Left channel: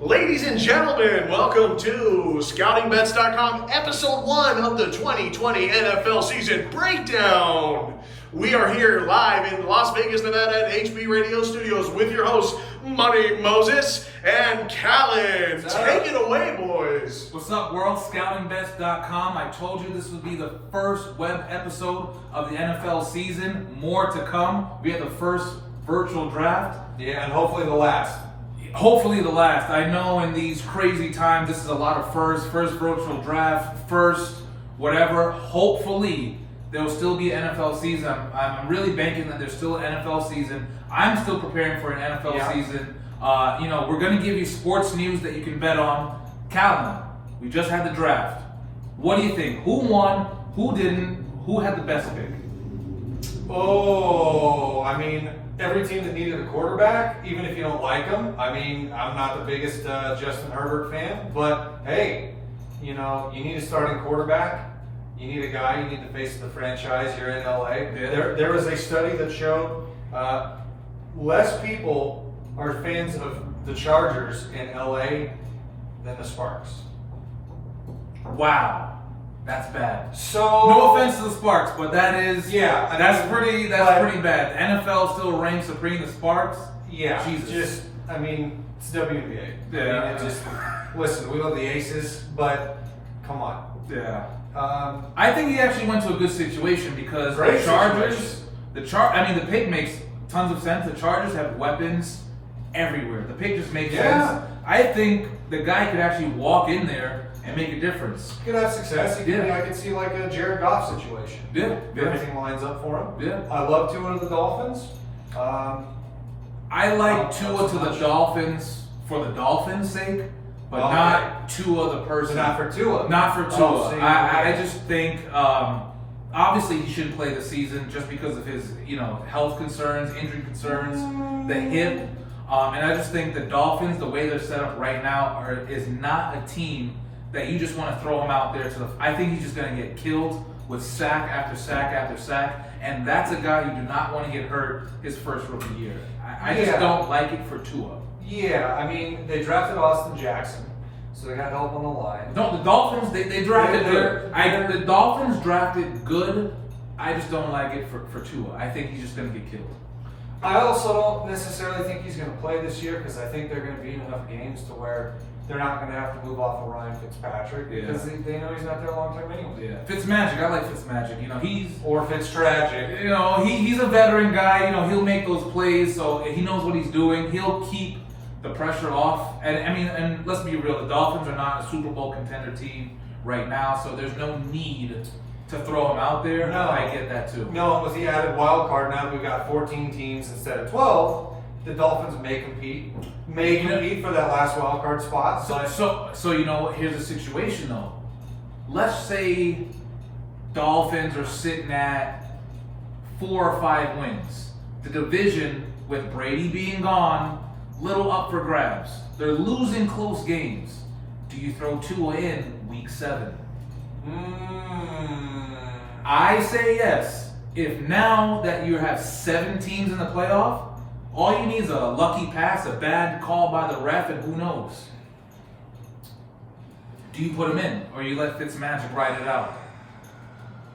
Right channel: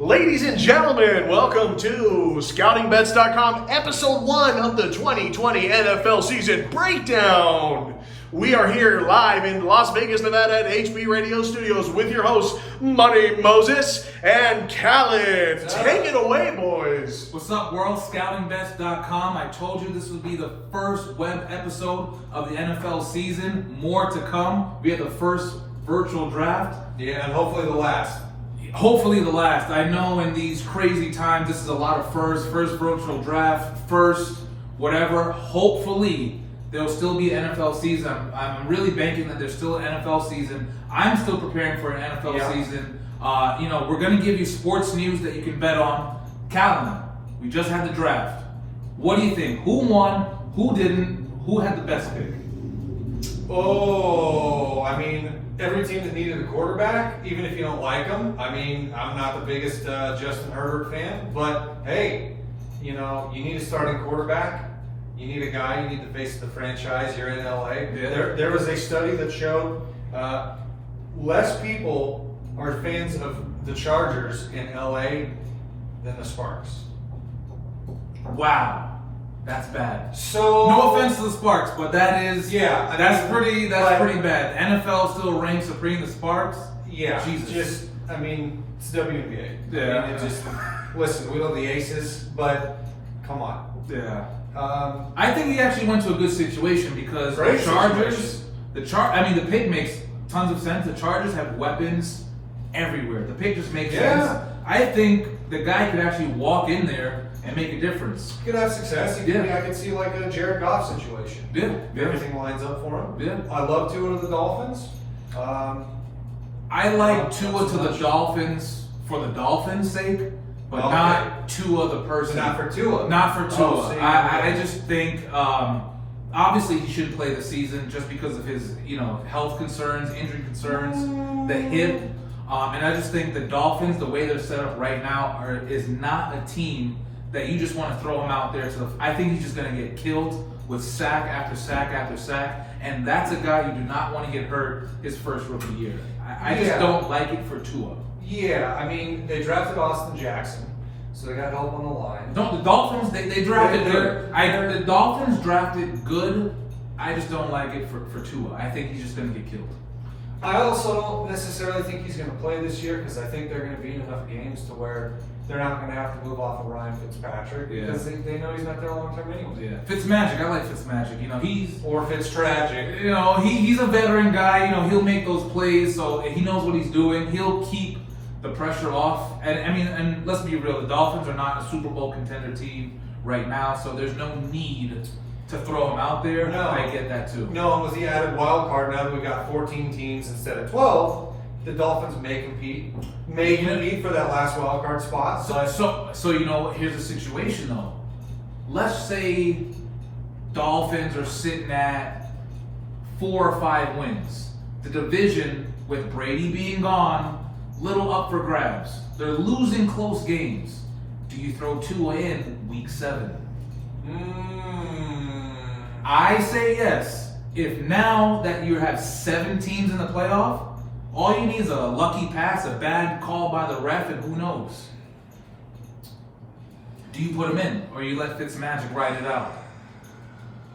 Ladies and gentlemen, welcome to Scoutingbets.com, episode 1 of the 2020 NFL season breakdown. We are here live in Las Vegas, Nevada at HB Radio Studios with your hosts, Money Moses and Callan. Take it away, boys. What's up, world? Scoutingbets.com. I told you this would be the first web episode of the NFL season. More to come. We had the first virtual draft. Yeah, and hopefully the last. Hopefully the last. I know in these crazy times, this is a lot of first virtual draft, first whatever. Hopefully there'll still be an NFL season. I'm really banking that there's still an NFL season. I'm still preparing for an NFL season. We're going to give you sports news that you can bet on. Callan, we just had the draft. What do you think? Who won? Who didn't? Who had the best pick? Every team that needed a quarterback, even if you don't like them. I'm not the biggest Justin Herbert fan, but hey, you need a starting quarterback. You need a guy. You need the face of the franchise. You're in LA. Yeah. There was a study that showed less people are fans of the Chargers in LA than the Sparks. Wow. That's bad. So no offense to the Sparks, but that is that's pretty bad. NFL still reigns supreme. The Sparks, Jesus. It's WNBA. Yeah. Listen, we love the Aces, but come on. Yeah. I think he actually went to a good situation because the Chargers, the pick makes tons of sense. The Chargers have weapons everywhere. The pick just makes sense. I think the guy could actually walk in there and make a difference. He could have success. I could see like a Jared Goff situation. Everything lines up for him. Yeah. I love Tua to the Dolphins. I like Tua to the Dolphins for the Dolphins' sake, but not Tua the person. Not for Tua. Not for Tua. I just think obviously he shouldn't play the season just because of his health concerns, injury concerns, the hip. And I just think the Dolphins, the way they're set up right now, is not a team that you just want to throw him out there I think he's just going to get killed with sack after sack after sack, and that's a guy you do not want to get hurt his first rookie year. I just don't like it for Tua. Yeah, they drafted Austin Jackson, so they got help on the line. No, the Dolphins, they drafted good. The Dolphins drafted good. I just don't like it for Tua. I think he's just going to get killed. I also don't necessarily think he's going to play this year because I think they're going to be in enough games to where they're not going to have to move off of Ryan Fitzpatrick because they know he's not there long term anyway. Yeah, Fitzmagic. I like Fitzmagic. Or Fitztragic. He's a veteran guy. He'll make those plays, so he knows what he's doing. He'll keep the pressure off. And let's be real. The Dolphins are not a Super Bowl contender team right now, so there's no need to throw him out there. No. I get that too. No, and with the added wild card, now that we've got 14 teams instead of 12, the Dolphins may compete for that last wild card spot. So here's the situation though. Let's say Dolphins are sitting at 4 or 5 wins. The division, with Brady being gone, little up for grabs. They're losing close games. Do you throw Tua in week 7? I say yes. If now that you have 7 teams in the playoff, all you need is a lucky pass, a bad call by the ref, and who knows? Do you put him in, or you let Fitzmagic ride it out?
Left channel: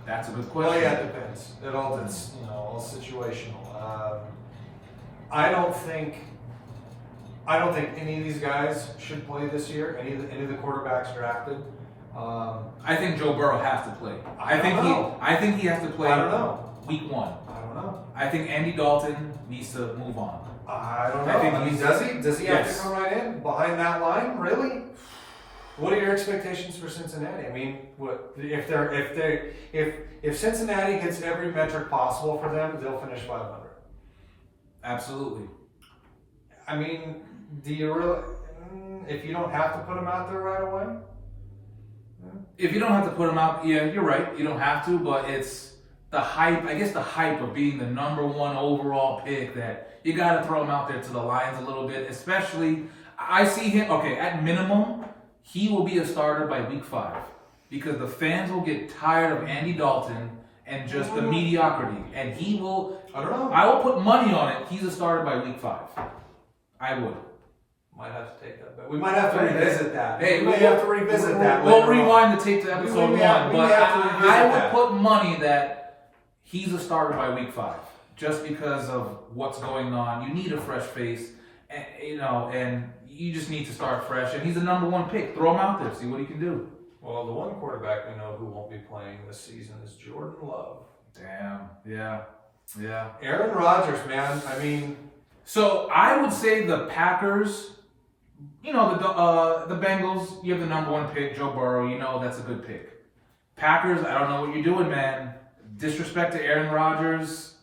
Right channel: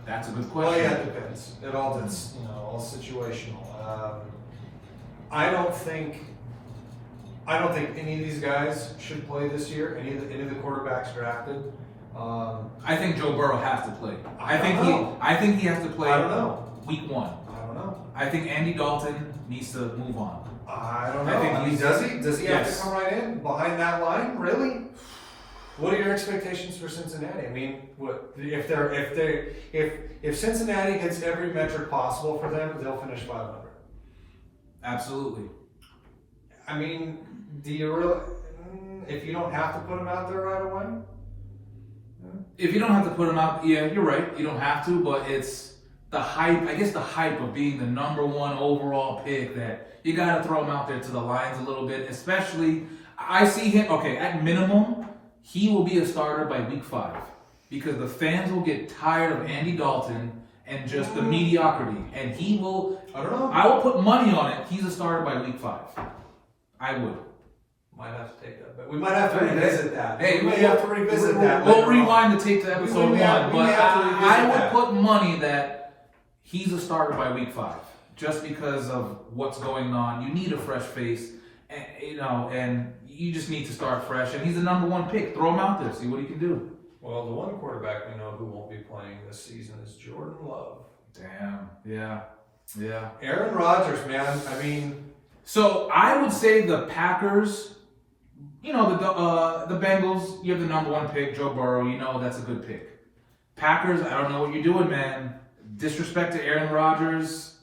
That's a good question. Well, it depends. It all is, all situational. I don't think any of these guys should play this year. Any of the quarterbacks drafted. I think Joe Burrow has to play. I think he has to play. I don't know. Week 1. I don't know. I think Andy Dalton needs to move on. I don't know. Does he have to come right in behind that line? Really? What are your expectations for Cincinnati? If Cincinnati hits every metric possible for them, they'll finish 500. Absolutely. Do you really? If you don't have to put them out there right away. If you don't have to put him out, yeah, you're right. You don't have to, but it's the hype. I guess the hype of being the number 1 overall pick that you got to throw him out there to the Lions a little bit. Especially, I see him. Okay, at minimum, he will be a starter by week 5 because the fans will get tired of Andy Dalton and just the mediocrity, and he will. I don't know. I will put money on it. He's a starter by week 5. I would. Might have to take that back. We might have to revisit that. Hey, we may have to revisit that. We'll rewind the tape to episode 1, but I would that. put money that he's a starter by week 5, just because of what's going on. You need a fresh face, and and you just need to start fresh. And he's the number 1 pick. Throw him out there, see what he can do. Well, the one quarterback we know who won't be playing this season is Jordan Love. Damn. Yeah. Aaron Rodgers, man. I mean, so I would say the Packers. The Bengals. You have the number 1 pick, Joe Burrow. That's a good pick. Packers. I don't know what you're doing, man. Disrespect to Aaron Rodgers.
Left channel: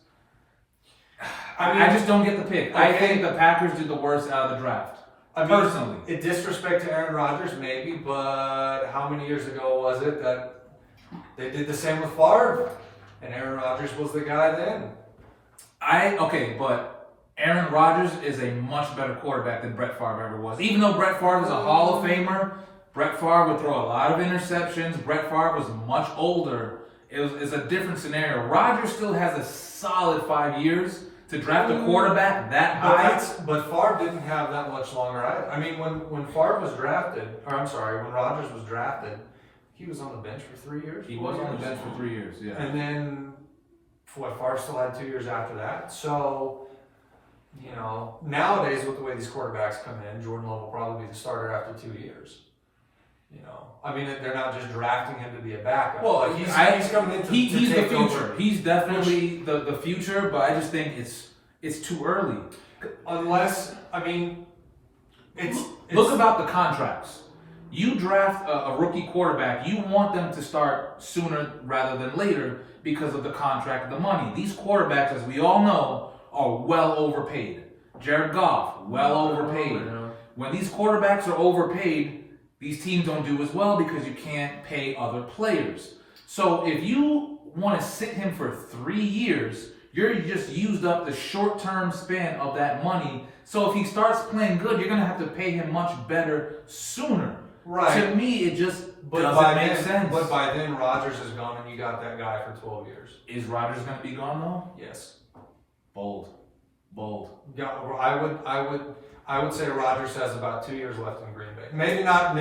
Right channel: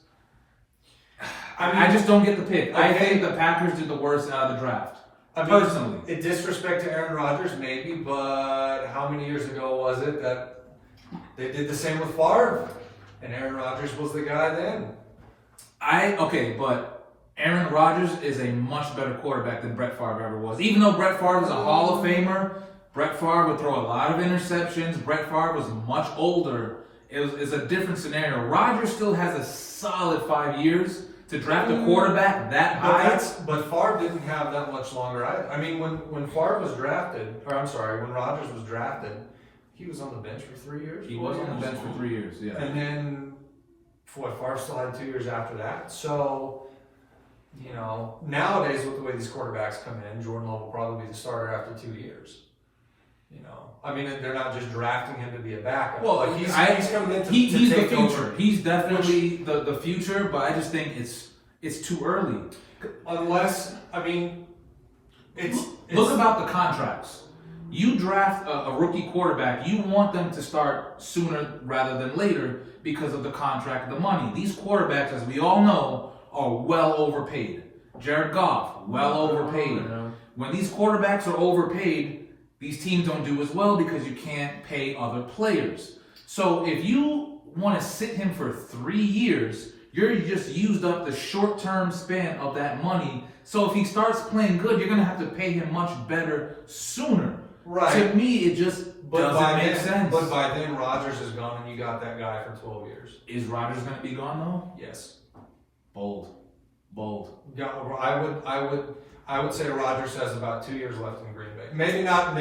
I just don't get the pick. Okay. I think the Packers did the worst out of the draft. Personally. Disrespect to Aaron Rodgers, maybe, but how many years ago was it that they did the same with Favre? And Aaron Rodgers was the guy then. But Aaron Rodgers is a much better quarterback than Brett Favre ever was. Even though Brett Favre was a Hall of Famer, Brett Favre would throw a lot of interceptions. Brett Favre was much older. It's a different scenario. Rodgers still has a solid 5 years to draft a quarterback that high. But Favre didn't have that much longer either. I mean, when Favre was drafted, when Rodgers was drafted, he was on the bench for 3 years. He was on the bench for 3 years, yeah. And then, Favre still had 2 years after that. So, nowadays with the way these quarterbacks come in, Jordan Love will probably be the starter after 2 years. They're not just drafting him to be a backup. Well, he's coming in to he's take the future. over. He's definitely the future, but I just think it's too early. Unless, Look about the contracts. You draft a rookie quarterback, you want them to start sooner rather than later because of the contract, the money. These quarterbacks, as we all know, are well overpaid. Jared Goff, well overpaid. When these quarterbacks are overpaid, these teams don't do as well because you can't pay other players. So if you want to sit him for 3 years, you're just used up the short-term span of that money. So if he starts playing good, you're going to have to pay him much better sooner. Right. To me, it just doesn't make sense. But by then, Rodgers is gone, and you got that guy for 12 years. Is Rodgers going to be gone though? Yes. Bold. I would say Rodgers has about 2 years left in Green Bay. Maybe not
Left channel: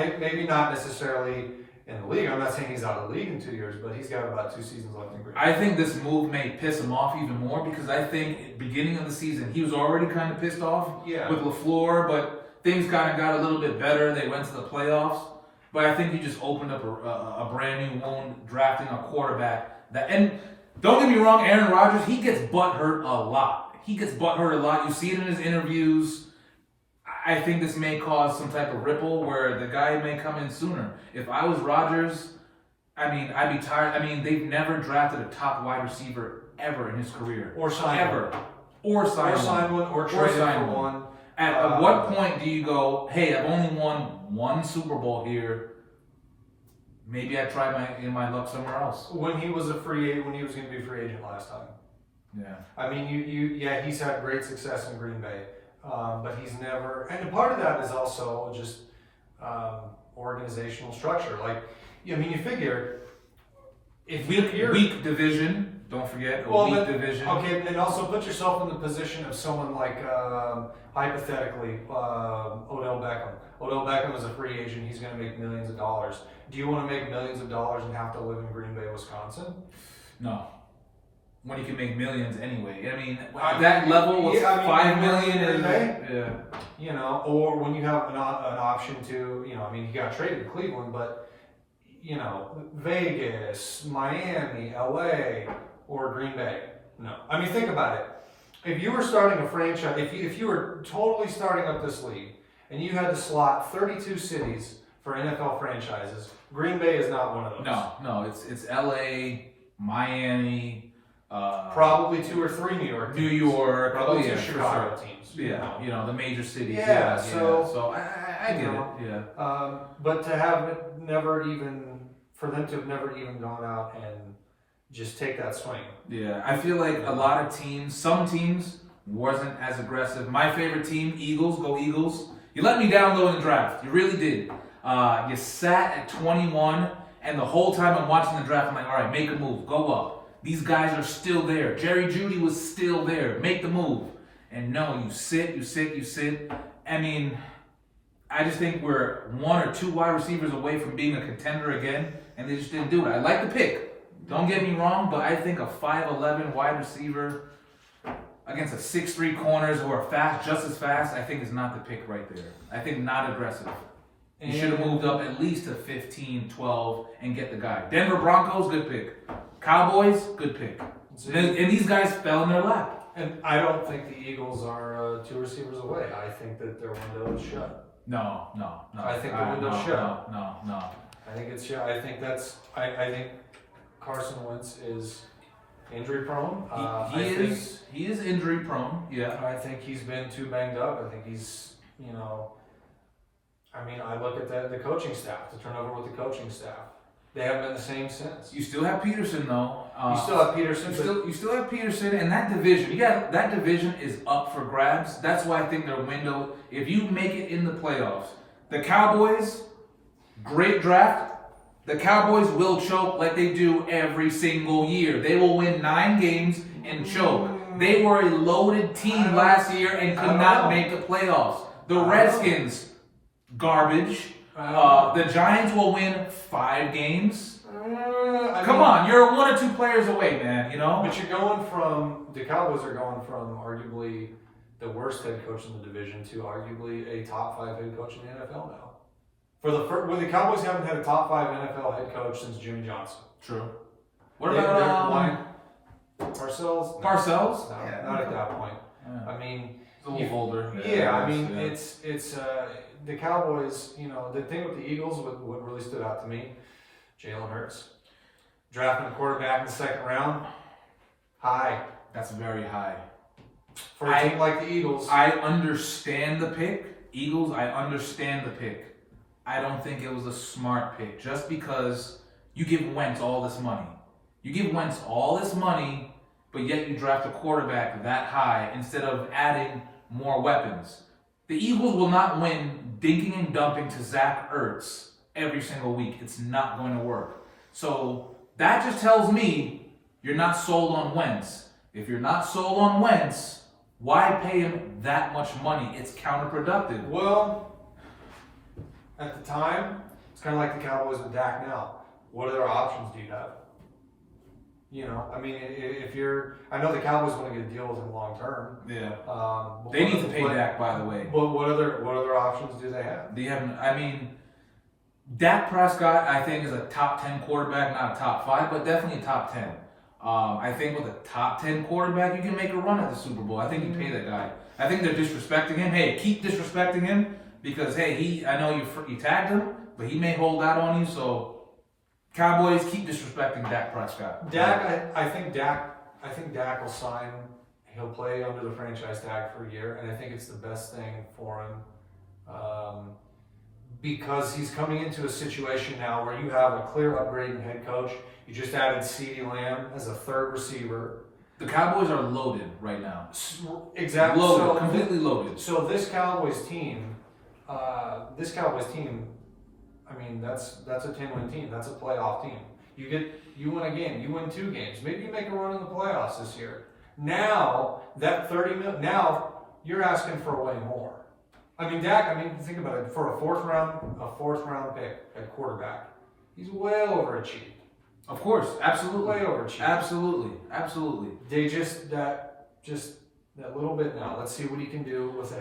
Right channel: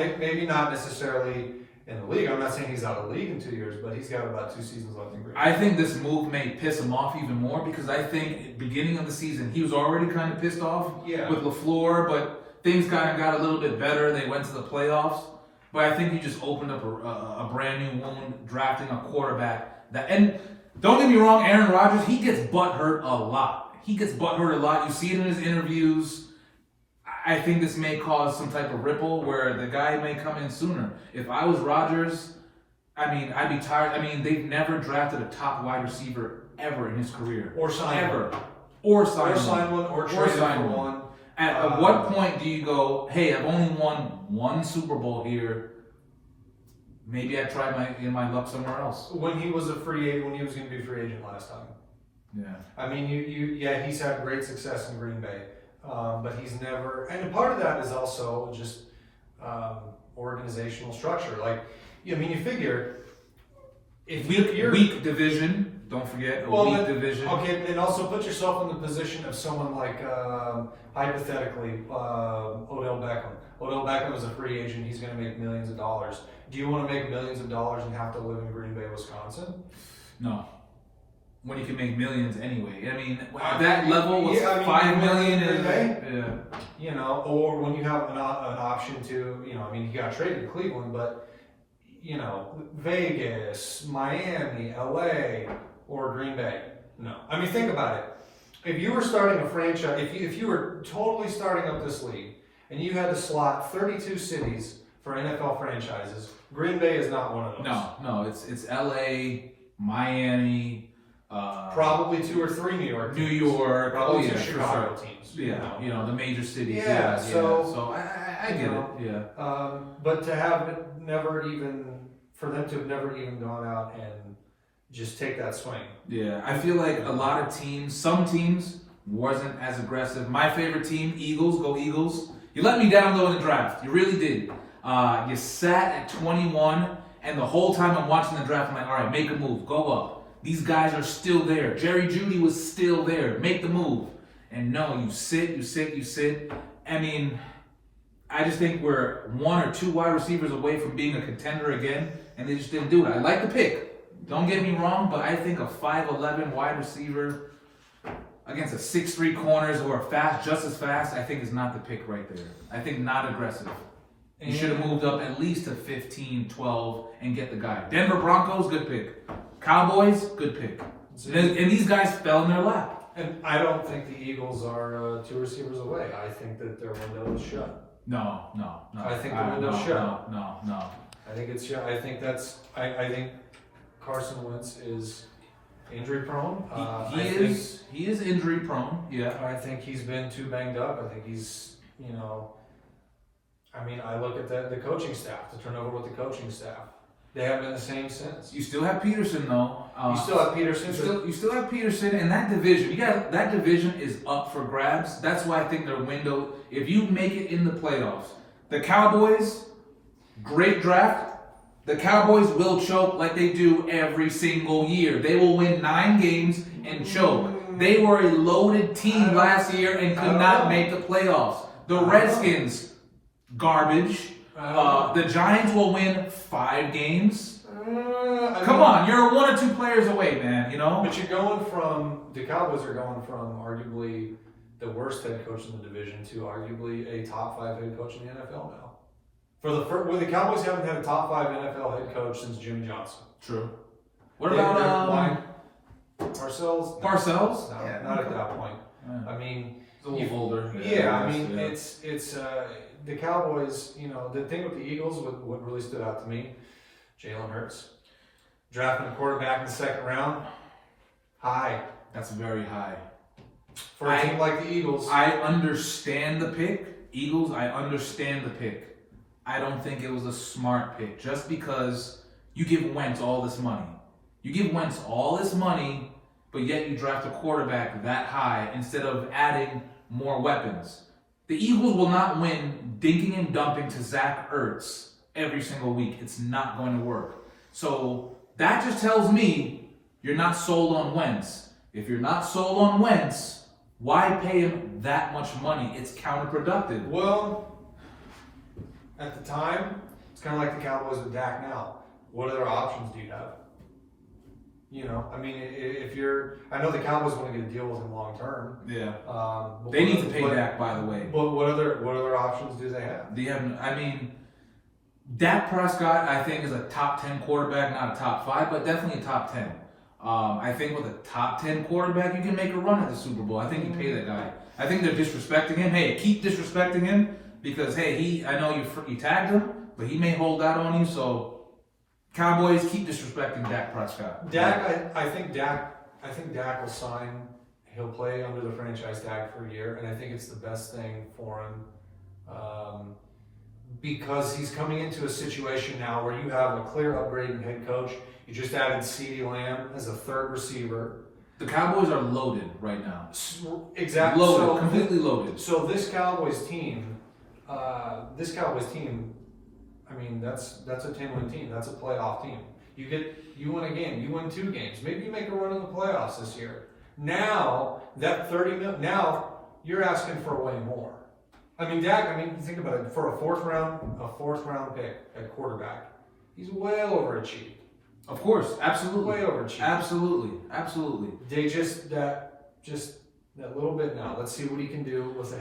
necessarily in the league. I'm not saying he's out of the league in 2 years, but he's got about 2 seasons left in Green Bay. I think this move may piss him off even more because I think at the beginning of the season he was already kind of pissed off with LaFleur, but things kind of got a little bit better. They went to the playoffs, but I think he just opened up a brand new wound drafting a quarterback. And don't get me wrong, Aaron Rodgers, he gets butthurt a lot. You see it in his interviews. I think this may cause some type of ripple where the guy may come in sooner. If I was Rodgers, I'd be tired. They've never drafted a top wide receiver ever in his career. Or signed one. Or signed one. Or traded for one. At what point do you go, hey, I've only won 1 Super Bowl here. Maybe I try my luck somewhere else. When he was when he was going to be a free agent last time. Yeah. He's had great success in Green Bay. But he's never, and a part of that is also just organizational structure. You figure if you're weak division, don't forget weak division. Okay, and also put yourself in the position of someone like hypothetically Odell Beckham. Odell Beckham is a free agent. He's going to make millions of dollars. Do you want to make millions of dollars and have to live in Green Bay, Wisconsin? No. When you can make millions anyway. That level was $5 million. Or when you have an option to, he got traded to Cleveland, but, Vegas, Miami, LA, or Green Bay. No. Think about it. If you were starting a franchise, if you were totally starting up this league, and you had to slot 32 cities for NFL franchises, Green Bay is not one of those. No, it's LA, Miami, probably 2 or 3 New York teams. New York, probably 2 Chicago teams. The major cities. So I get it. Yeah. But to have it for them to have never even gone out and just take that swing. Yeah, I feel like a lot of teams, some teams wasn't as aggressive. My favorite team, Eagles, go Eagles. You let me down though in the draft. You really did. You sat at 21, and the whole time I'm watching the draft, I'm like, all right, make a move, go up. These guys are still there. Jerry Jeudy was still there. Make the move. And no, you sit. I just think we're 1 or 2 wide receivers away from being a contender again, and they just didn't do it. I like the pick. Don't get me wrong, but I think a 5'11" wide receiver against a 6'3" corners who are fast, just as fast, I think is not the pick right there. I think not aggressive. You should have moved up at least to 15, 12, and get the guy. Denver Broncos, good pick. Cowboys, good pick. And these guys fell in their lap. And I don't think the Eagles are 2 receivers away. I think that their window is shut. No. I think the window's shut. No. I think it's shut. I think I think Carson Wentz is injury prone. He is injury prone. Yeah. I think he's been too banged up. I think he's, I look at the coaching staff, the turnover with the coaching staff. They haven't been the same since. You still have Peterson, though. You still have Peterson. You still have Peterson, and that division. That division is up for grabs. That's why I think their window. If you make it in the playoffs, the Cowboys, great draft. The Cowboys will choke like they do every single year. They will win 9 games and choke. They were a loaded team last year and could not make the playoffs. The Redskins, garbage. The Giants will win 5 games. Come on, you're 1 or 2 players away, man. But you're going from the Cowboys are going from arguably the worst head coach in the division to arguably a top 5 head coach in the NFL now. When the Cowboys haven't had a top 5 NFL head coach since Jimmy Johnson. True. What about Parcells? Parcells? No, yeah. Not at that point. Yeah. I mean, a little older. It's the Cowboys. The thing with the Eagles, what really stood out to me, Jalen Hurts drafting a quarterback in the 2nd round, high. That's very high. For a team like the Eagles. I understand the pick. Eagles, I understand the pick. I don't think it was a smart pick just because you give Wentz all this money. You give Wentz all this money, but yet you draft a quarterback that high instead of adding more weapons. The Eagles will not win dinking and dumping to Zach Ertz every single week. It's not going to work. So that just tells me you're not sold on Wentz. If you're not sold on Wentz, why pay him that much money? It's counterproductive. Well, at the time, it's kind of like the Cowboys with Dak now. What other options do you have? I know the Cowboys want to get a deal with him long term. Yeah. They need to pay Dak, by the way. But what other options do they have? Dak Prescott, I think, is a top 10 quarterback, not a top 5, but definitely top 10. I think with a top 10 quarterback, you can make a run at the Super Bowl. I think you pay that guy. I think they're disrespecting him. Hey, keep disrespecting him because, hey, I know you tagged him, but he may hold out on you, so Cowboys, keep disrespecting Dak Prescott. I think Dak will sign. He'll play under the franchise tag for a year, and I think it's the best thing for him because he's coming into a situation now where you have a clear upgrade in head coach. You just added CeeDee Lamb as a 3rd receiver. The Cowboys are loaded right now. Exactly. Loaded, completely loaded. So this Cowboys team, that's a 10-win team. That's a playoff team. You win a game. You win 2 games. Maybe you make a run in the playoffs this year. Now that $30 million. Now you're asking for way more. Dak. Think about it. For a fourth round pick at quarterback, he's way overachieved. Of course, absolutely. Way overachieved. Absolutely. They just that little bit now. Let's see what he can do with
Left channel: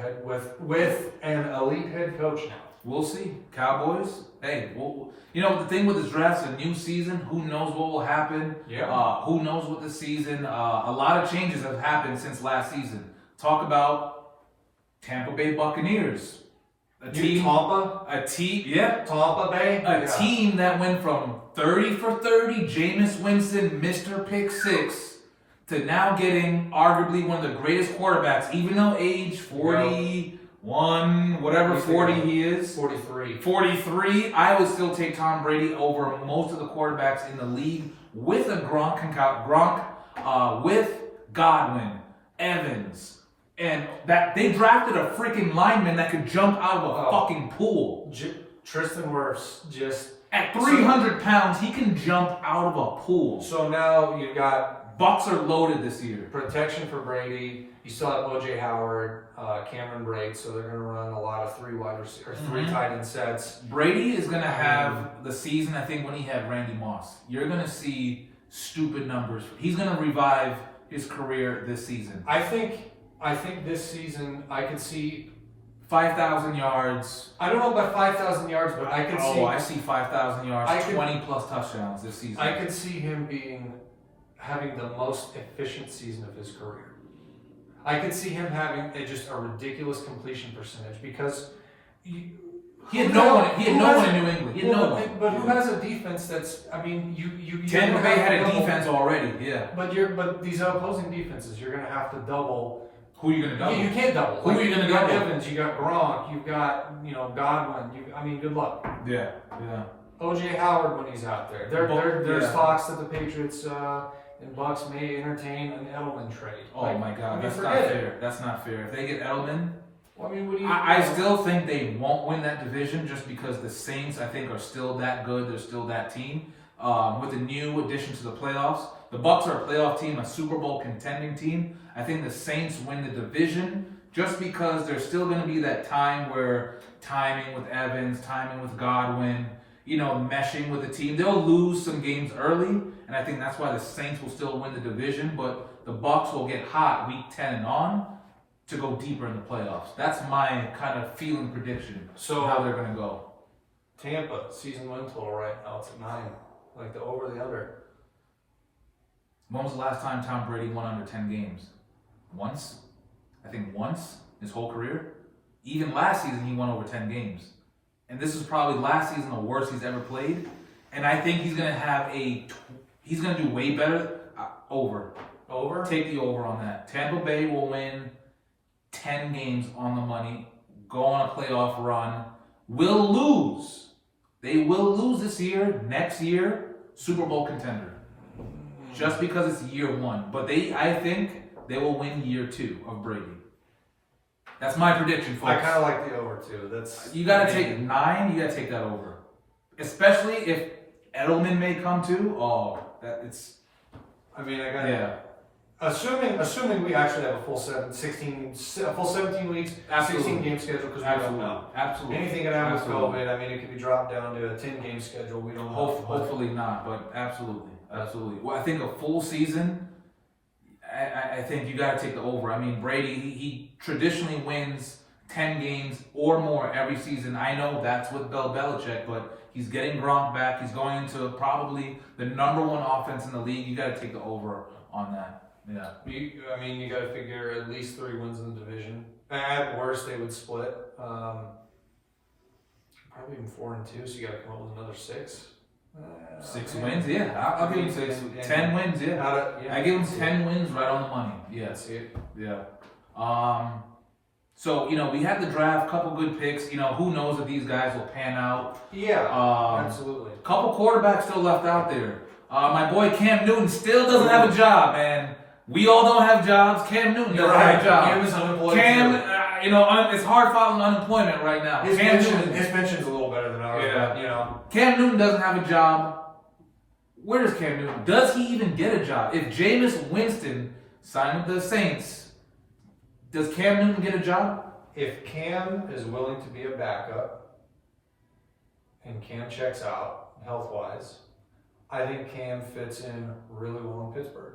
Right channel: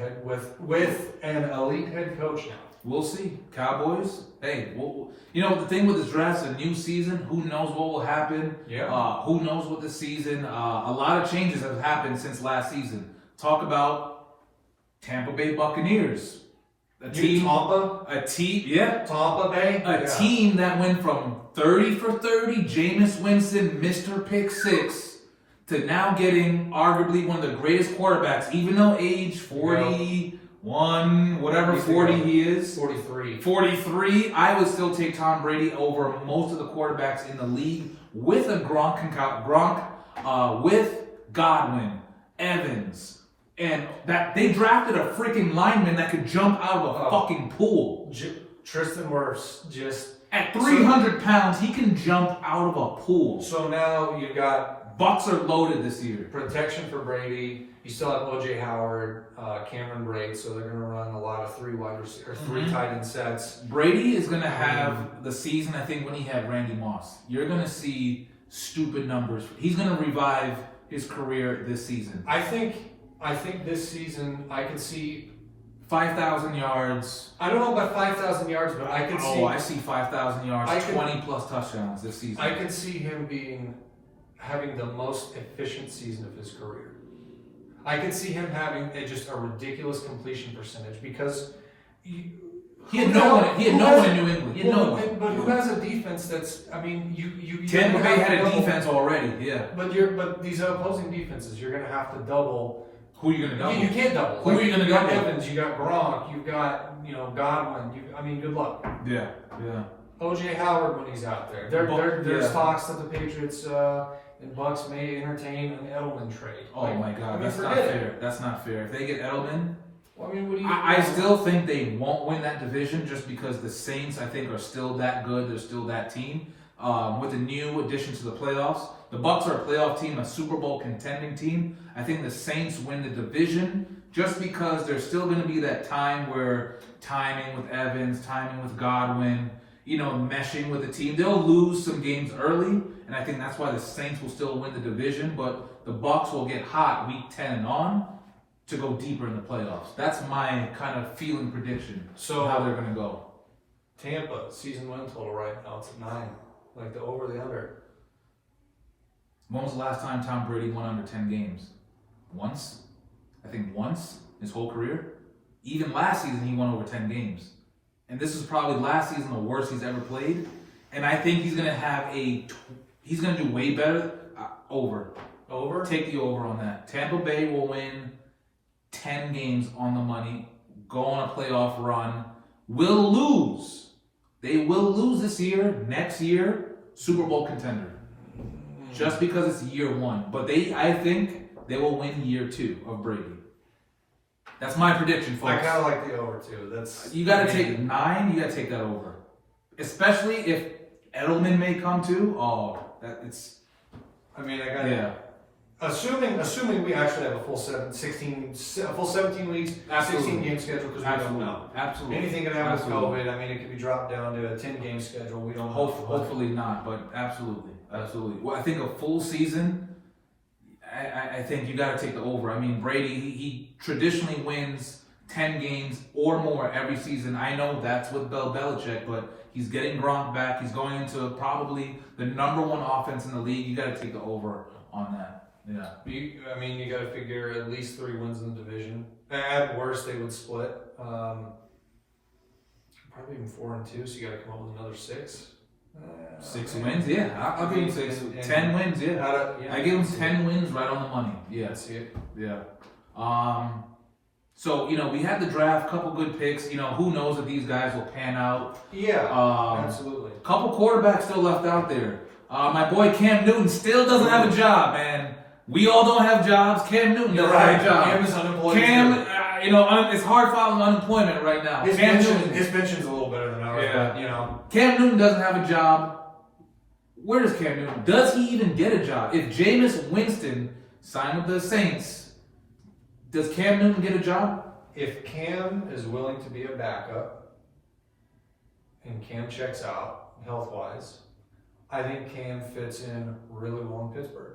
an elite head coach now. We'll see. Cowboys, hey, the thing with this draft, a new season, who knows what will happen? Yeah. Who knows what the season, a lot of changes have happened since last season. Talk about Tampa Bay Buccaneers. Tampa Bay? Team that went from 30 for 30, Jameis Winston, Mr. Pick 6, to now getting arguably one of the greatest quarterbacks, even though age 40... 40 he is. 43. I would still take Tom Brady over most of the quarterbacks in the league with a Gronk, with Godwin, Evans, and that they drafted a freaking lineman that could jump out of a fucking pool. Tristan Wirfs just at 300 pounds, he can jump out of a pool. So now you've got Bucks are loaded this year. Protection for Brady. You still have O.J. Howard, Cameron Braid, so they're going to run a lot of 3 wide or 3 tight end sets. Brady is going to have the season, I think, when he had Randy Moss. You're going to see stupid numbers. He's going to revive his career this season. I think this season I could see 5,000 yards. I don't know about 5,000 yards, but I could see. Oh, I see 5,000 yards, 20+ touchdowns this season. I could see him having the most efficient season of his career. I could see him having just a ridiculous completion percentage because he had no one in New England. He had no one. But who has a defense that's? I mean, you Tampa Bay had a defense already. Yeah. But these opposing defenses, you're going to have to double. Who are you going to double? You can't double. Who are you going to double? You got Evans, you got Gronk, you've got Godwin. I mean, good luck. Yeah. OJ Howard when he's out there. There's talks that the Patriots and Bucks may entertain an Edelman trade. Oh my God, that's not fair. That's not fair. If they get Edelman, well, I mean, what do you? I still think they won't win that division just because the Saints, I think, are still that good. They're still that team. With the new addition to the playoffs, the Bucks are a playoff team, a Super Bowl contending team. I think the Saints win the division just because there's still going to be that time where timing with Evans, timing with Godwin, meshing with the team. They'll lose some games early, and I think that's why the Saints will still win the division, but the Bucks will get hot week 10 and on to go deeper in the playoffs. That's my kind of feeling prediction of how they're going to go. Tampa, season win total right now, it's at 9. Like the over, the under. When was the last time Tom Brady won under 10 games? Once? I think once his whole career. Even last season he won over 10 games. And this is probably last season the worst he's ever played. And I think he's going to he's going to do way better. Over. Over? Take the over on that. Tampa Bay will win 10 games on the money, go on a playoff run, will lose. They will lose this year, next year, Super Bowl contender. Just because it's year 1. But I think they will win year 2 of Brady. That's my prediction, folks. I kind of like the over too. You got to take 9. You got to take that over, especially if Edelman may come too. Assuming we actually have a full 17 weeks, Absolutely. 16 game schedule because we don't know. Absolutely. Anything can happen with COVID. I mean, it could be dropped down to a 10 game schedule. We don't know. Hopefully not, but absolutely. Well, I think a full season. I think you got to take the over. I mean, Brady, he traditionally wins 10 games or more every season. I know that's with Bill Belichick, but he's getting Gronk back. He's going into probably the number 1 offense in the league. You got to take the over on that. Yeah. You got to figure at least 3 wins in the division. At worst, they would split. Probably even 4 and 2, so you got to come up with another 6. 6 wins, yeah. I'll give him 6. 10 wins, yeah. I give him 10 wins right on the money. Yeah. That's it. Yeah. So, we had the draft, couple good picks. Who knows if these guys will pan out. Yeah, absolutely. Couple quarterbacks still left out there. My boy Cam Newton still doesn't have a job, man. We all don't have jobs. Cam Newton doesn't have a job. Cam is unemployed. It's hard fighting unemployment right now. His pension's a little better than ours, but, Cam Newton doesn't have a job. Where does Cam Newton? Does he even get a job? If Jameis Winston signed with the Saints, does Cam Newton get a job? If Cam is willing to be a backup and Cam checks out health-wise, I think Cam fits in really well in Pittsburgh.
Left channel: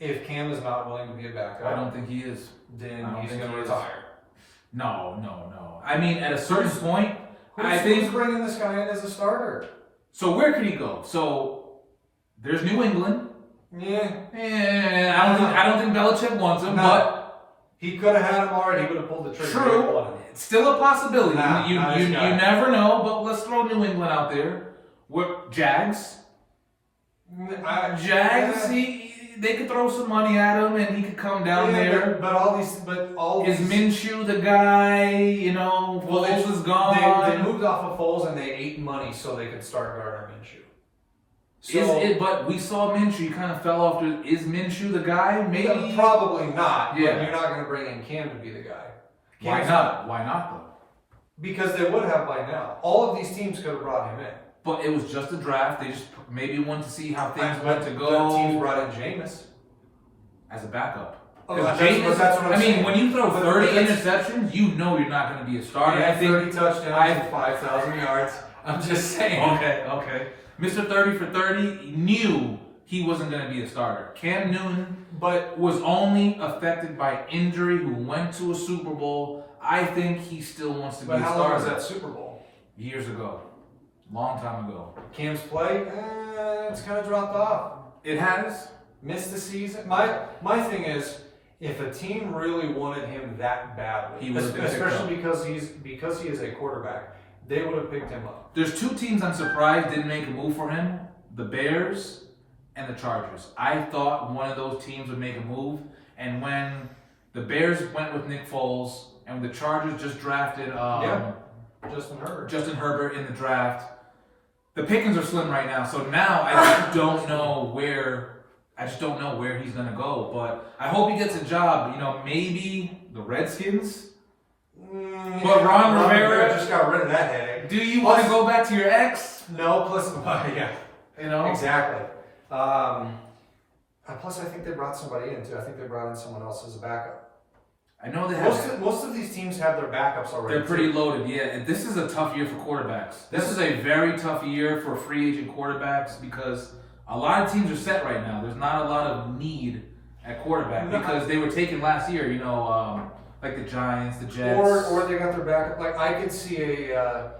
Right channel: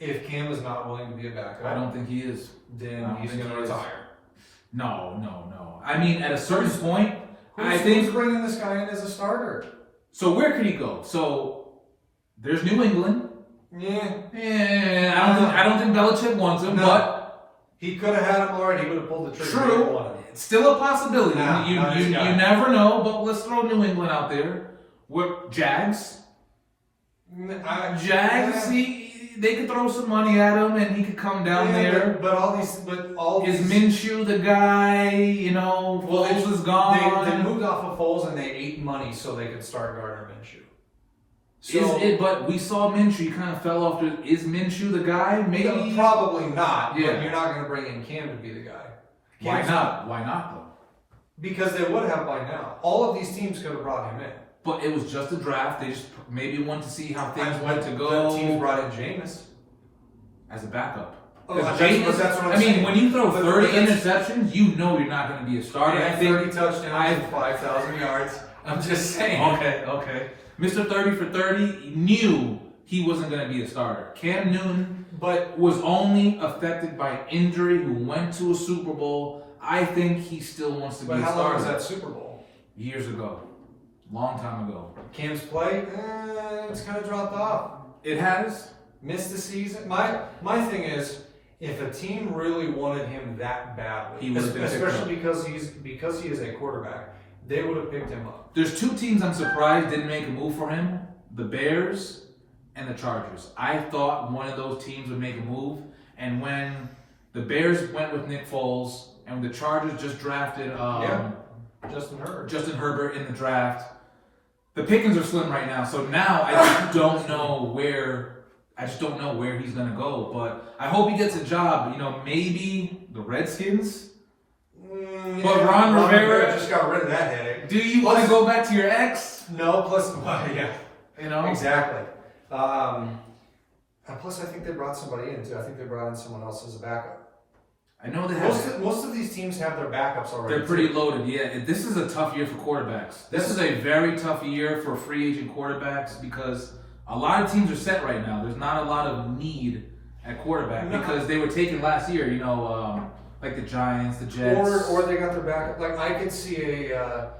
If Cam is not willing to be a backup, I don't think he is. Then he's going to retire. No. I mean, at a certain point, Who's bringing this guy in as a starter? So where could he go? So there's New England. Yeah. I don't think Belichick wants him, but he could have had him already. He would have pulled the trigger. True. It's still a possibility. You never know, but let's throw New England out there. Jags. They could throw some money at him, and he could come down there. But all these is Minshew the guy? Foles is gone. They moved off of Foles and they ate money so they could start Gardner Minshew. But we saw Minshew kind of fell off. Is Minshew the guy? Maybe. Probably not. Yeah. But you're not going to bring in Cam to be the guy. Why not? Why not though? Because they would have by now. All of these teams could have brought him in. But it was just a draft. They just maybe want to see how things went to go. The teams brought in Jameis as a backup. Because that's what I'm mean, saying. when you throw But 30 that's- interceptions, you know you're not going to be a starter. Yeah, I think 30 touchdowns and 5,000 yards. I'm just saying. Okay. Mr. 30 for 30 knew he wasn't going to be a starter. Cam Newton was only affected by injury, who went to a Super Bowl. I think he still wants to be a starter. But how long was that Super Bowl? Years ago. Long time ago. Cam's play, it's kind of dropped off. It has? Missed the season. My thing is, if a team really wanted him that badly, especially because he is a quarterback, they would have picked him up. There's two teams I'm surprised didn't make a move for him: the Bears and the Chargers. I thought one of those teams would make a move, and when the Bears went with Nick Foles, and the Chargers just drafted Justin Herbert in the draft, the pickings are slim right now. So now I just don't know where. He's gonna go, but I hope he gets a job. Maybe the Redskins. But Ron Rivera just got rid of that headache. Do you want to go back to your ex? No, plus yeah. Exactly. Plus, I think they brought somebody in too. I think they brought in someone else as a backup. I know they have. Most of these teams have their backups already. They're pretty loaded, yeah. And this is a tough year for quarterbacks. This is a very tough year for free agent quarterbacks because a lot of teams are set right now. There's not a lot of need at quarterback because they were taken last year. Like the Giants, the Jets, or they got their backup. Like I could see a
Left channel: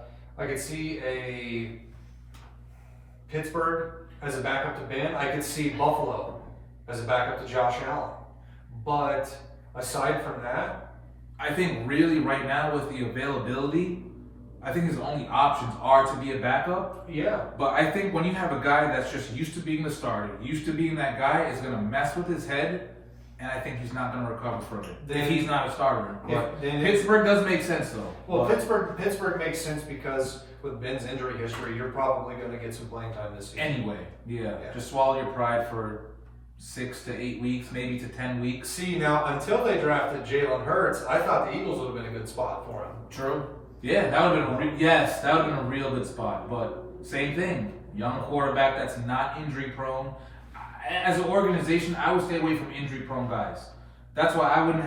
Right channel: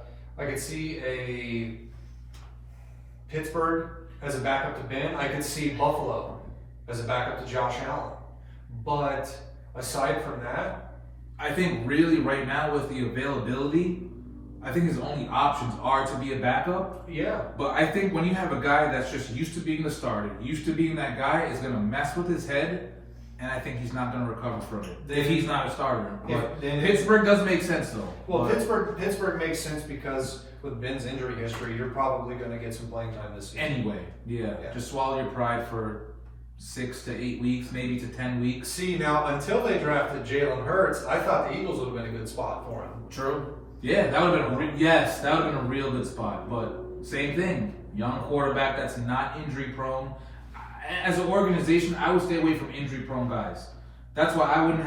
Pittsburgh as a backup to Ben. I could see Buffalo as a backup to Josh Allen. But aside from that, I think really right now with the availability, I think his only options are to be a backup. Yeah. But I think when you have a guy that's just used to being the starter, used to being that guy, is going to mess with his head, and I think he's not going to recover from it if he's not a starter. But Pittsburgh does make sense though. Well, Pittsburgh makes sense because with Ben's injury history, you're probably going to get some playing time this season. Anyway, yeah. Just swallow your pride for 6 to 8 weeks, maybe to 10 weeks. See, now until they drafted Jalen Hurts, I thought the Eagles would have been a good spot for him. True. Yeah, that would have been a real good spot. But same thing, young quarterback that's not injury prone. As an organization, I would stay away from injury prone guys. That's why I wouldn't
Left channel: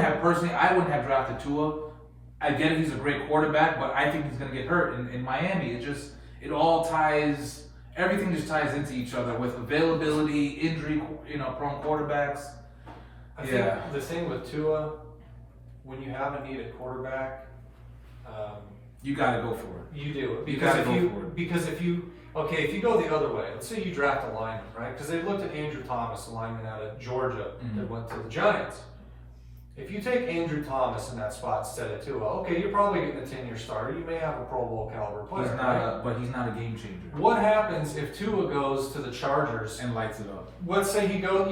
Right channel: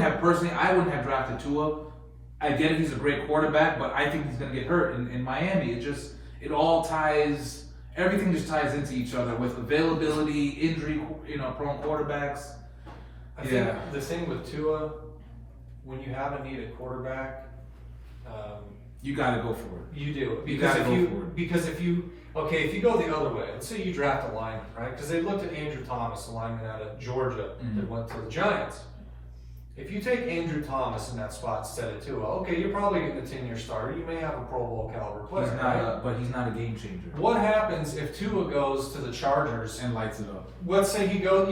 have drafted Tua. I get it, he's a great quarterback, but I think he's going to get hurt in Miami. Everything just ties into each other with availability, injury, prone quarterbacks. I think the thing with Tua, when you have a need at quarterback, you got to go for it. You do it Because if you go the other way, let's say you draft a lineman, right? Because they looked at Andrew Thomas, the lineman out of Georgia that went to the Giants. If you take Andrew Thomas in that spot instead of Tua, okay, you're probably getting a 10-year starter. You may have a Pro Bowl caliber player. But he's not a game changer. What happens if Tua goes to the Chargers and lights it up? Let's say he goes,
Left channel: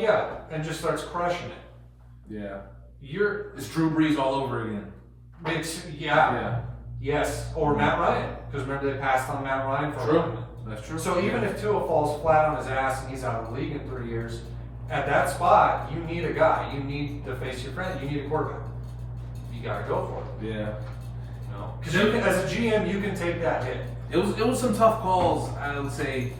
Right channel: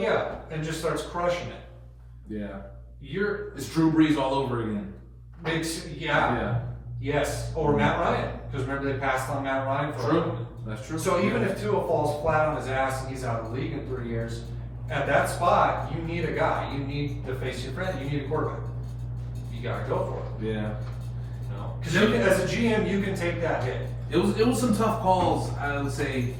and just starts crushing it. Yeah. It's Drew Brees all over again. Yes. Or Matt Ryan. Because remember they passed on Matt Ryan for True. That's true. So even if Tua falls flat on his ass and he's out of the league in 3 years, at that spot, you need a guy. You need to face your friend. You need a quarterback. You got to go for it. Yeah. Because as a GM, you can take that hit. It was some tough calls, I would say,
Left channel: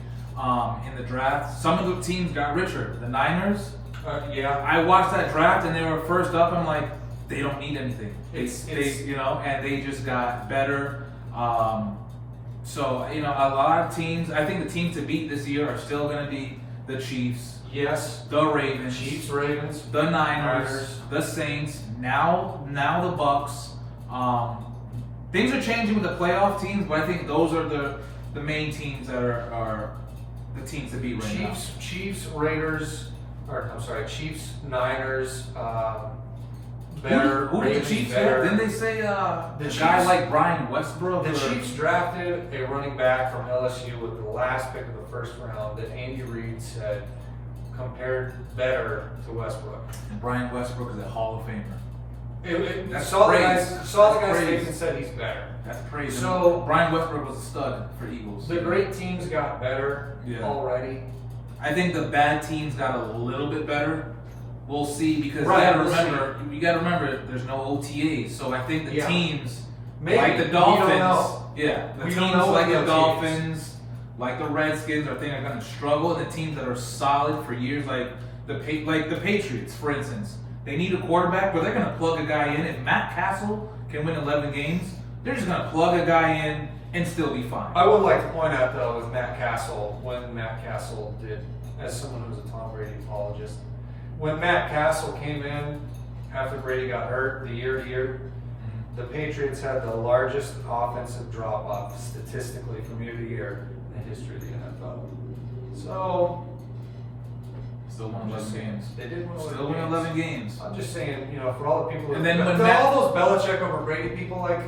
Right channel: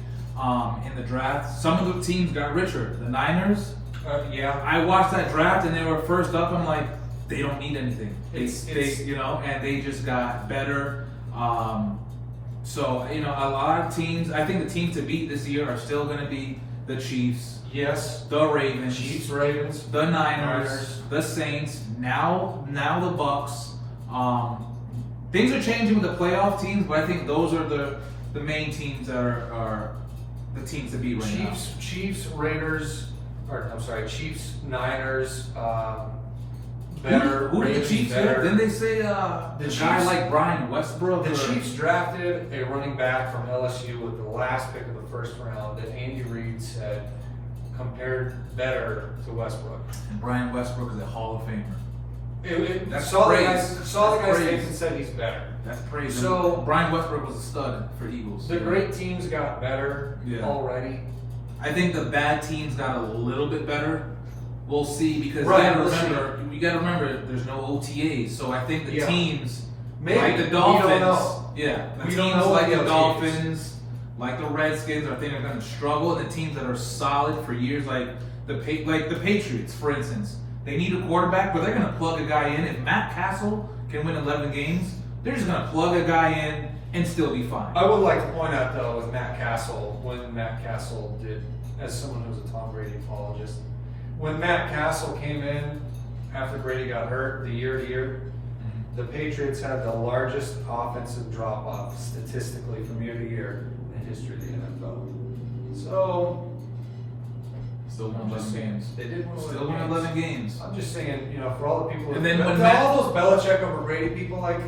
in the draft. Some of the teams got richer. The Niners. I watched that draft and they were first up. I'm like, they don't need anything. And they just got better. So a lot of teams. I think the teams to beat this year are still going to be the Chiefs. Yes. The Ravens. Chiefs, Ravens. The Niners. The Saints. Now the Bucks. Things are changing with the playoff teams, but I think those are the main teams that are the teams to beat right now. Chiefs, Raiders. Chiefs, Niners. Who did the Chiefs have? Didn't they say the guy like Brian Westbrook? The Chiefs drafted a running back from LSU with the last pick of the first round that Andy Reid said compared better to Westbrook. And Brian Westbrook is a Hall of Famer. Saw the guy's face and said he's better. That's crazy. So Brian Westbrook was a stud for the Eagles. The great teams got better already. I think the bad teams got a little bit better. We'll see because you got to remember there's no OTAs. So I think the teams like the Dolphins, the teams like the Dolphins, like the Redskins, I think are going to struggle. The teams that are solid for years, like the Patriots, for instance, They need a quarterback, but they're going to plug a guy in. If Matt Castle can win 11 games, they're just going to plug a guy in and still be fine. I would like to point out, though, with Matt Castle, when Matt Castle did, as someone who's a Tom Brady apologist, when Matt Castle came in after Brady got hurt the year, the Patriots had the largest offensive drop-off statistically from year to year in the history of the NFL. So, Still won 11 games. They did win 11 Still won 11 games. I'm just saying, for all the people, And then when all those Belichick over Brady people, like,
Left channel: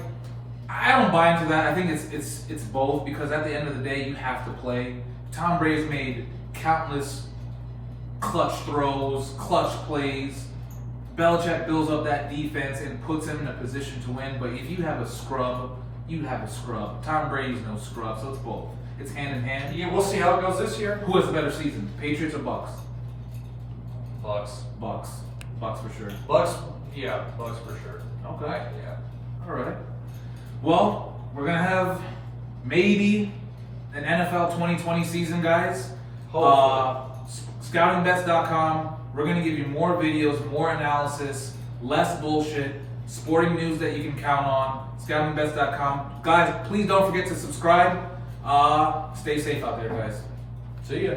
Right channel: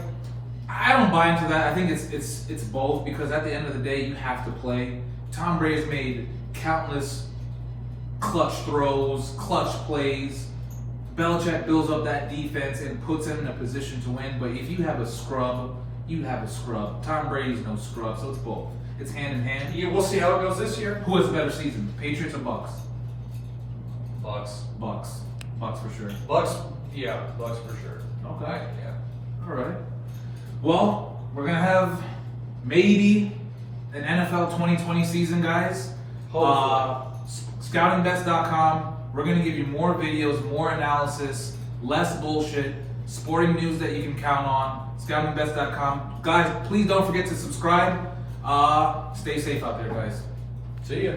I don't buy into that. I think it's both, because at the end of the day, you have to play. Tom Brady's made countless clutch throws, clutch plays. Belichick builds up that defense and puts him in a position to win. But if you have a scrub, you have a scrub. Tom Brady's no scrub, so it's both. It's hand in hand. yeah, we'll see how it goes this year. Who has a better season, Patriots or Bucks? Bucks. Bucks for sure. Bucks for sure. Okay. Yeah. All right. Well, we're gonna have maybe an NFL 2020 season, guys. Scoutingbets.com. We're gonna give you more videos, more analysis, less bullshit, sporting news that you can count on. Scoutingbets.com. Guys, please don't forget to subscribe. Stay safe out there, guys. See ya.